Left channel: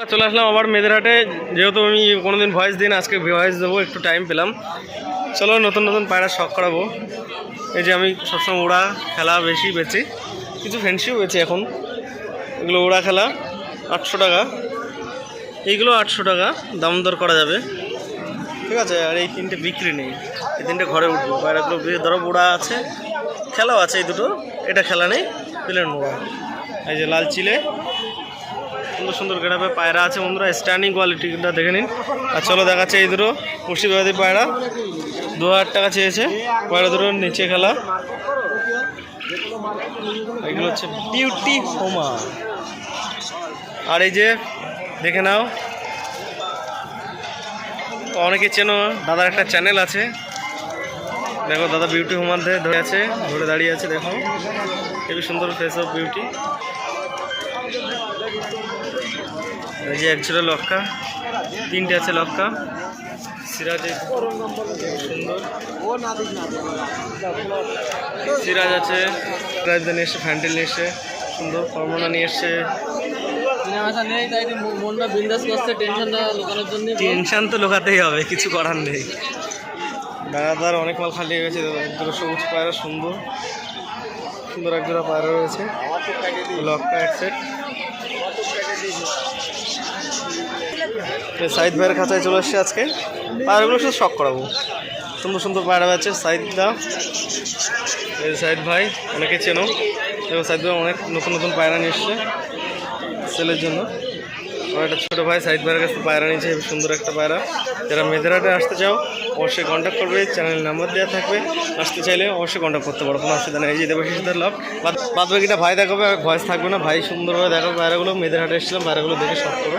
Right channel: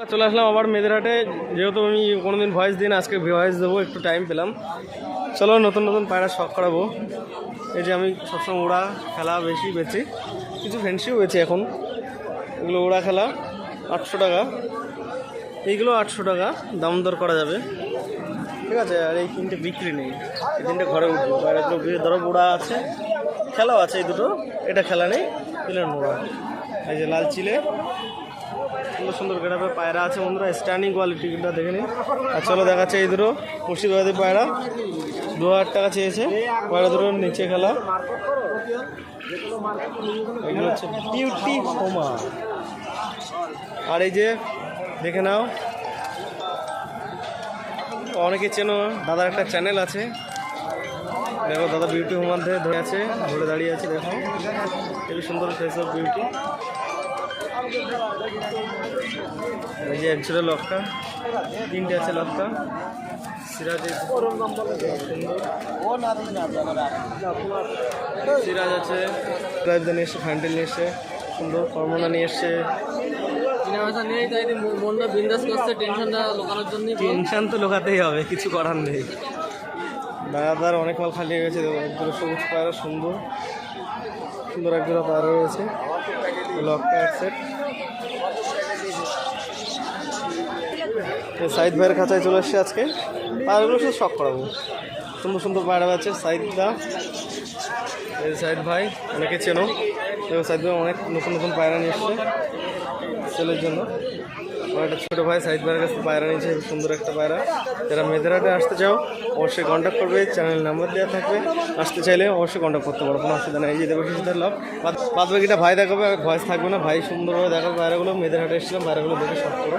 চলে আসলাম আবার মেয়েদেরহাটে যেহেতু আমি কোনোদিন ভয়েস দিন আজকে ভয়েস দেবো, একটু টাইম পেলাম। চলো নতুন নতুন পায়রা শখ করাবো। এই যে আমি সবসময় ওড়া খেলা বেশি বেচি, কিছু ফ্যান্সিও বেচি এখন। এগুলো ওড়া খেলা, আটশো টাকা। এইগুলো আটশো টাকা, দাম দর করা যাবে। ঠিক আছে, আর এই তিনটে বিক্রি নেই। এই তিনটে ঘরে উঠবো। পায়রাগুলো ধরো ওড়া আছে, খেলাও আছে এই দুটো। এটা খেলা নেই, প্লেন ওড়া। এই যে লাল চিলে সুন্দর সুন্দর গেটাপে পায়রা আছে বন্ধুরা স্ট্যান্ডিং কোয়ালিটিটা দেখে নিন। আর চলো দেখাচ্ছে এই দুটো মুর্শিদাবাদি পায়রা। দু হাজার টাকা চেয়েছে, পায়রা দুটো নিচে খেলা। এগুলো হচ্ছে বিউটি হোমা আর এই যে, দেখে নাও। অনেকে চেনো, দাদার একটা চ্যানেল আছে। দেখো দাদা বিউটি হোমার ধরে আছে, ধরে দাঁড়িয়ে আছে, দেখো। খুবই সুন্দর ফেস অফ বিউটি এই যে একজোড়া লক্কা, তিনটে আছে লক্কা। সিরাজ সুন্দর। সিরাজ আছে সিরাজ নিয়ে এসছে ফ্যান্টেল নিয়ে এসছে সুন্দর ফর্মনা নিয়ে এসছে টেনশন তো লোকাতেই হবে, কিছু করার নেই। দাদাদার অনেক মাল খালি হয়ে গেছে সবুজ পায়রা সুন্দর। সুন্দর একজোড়া পায়রা রয়েছে। লক্কা এক সেট সাইদ ভাইয়ের খাঁচায় চলে এসছে আজকে। পায়রাগুলো শুধু শখ করাবো। সুন্দর সুন্দর পায়রা আছে সাইদদা এই সাইদ ভাই, অনেকে চেনো। এবং সাইদ ভাই অনেক নতুন নতুন পায়রা নিয়ে এসছে সেলের জন্য। একটা ছোটো ভাই সাইদ ভাইয়ের কাছে পায়রা নিয়েছে সুন্দর একটা পায়রা। যারা মেয়েদেরহাটে আসতে চাও, অবশ্যই কন্ট্যাক্ট করবে চ্যানেল নাম্বার দেওয়া থাকবে। আসতে চাইলে অবশ্যই কন্ট্যাক্ট করতে পারো, কোনো অসুবিধা নেই। এই যে দেবশিসদের লক বাদ বাকিটা ভাই দেখাবে ভয়েস থাকবে না। ভাই সুন্দরভাবে দেখাবে পায়রাগুলো। মেয়েদেরহাটে এসেছিলাম, পায়রাগুলো দেখে সব করো।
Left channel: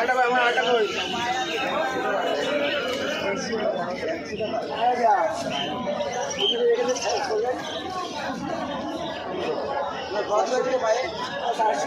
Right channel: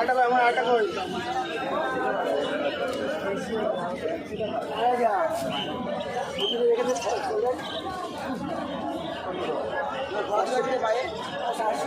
আটা ভাই আমার আটা কই না ঘর থেকে বাইরে আর চারশো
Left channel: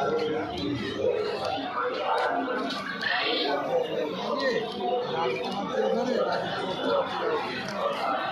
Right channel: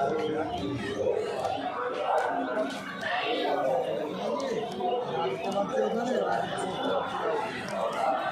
Thank you.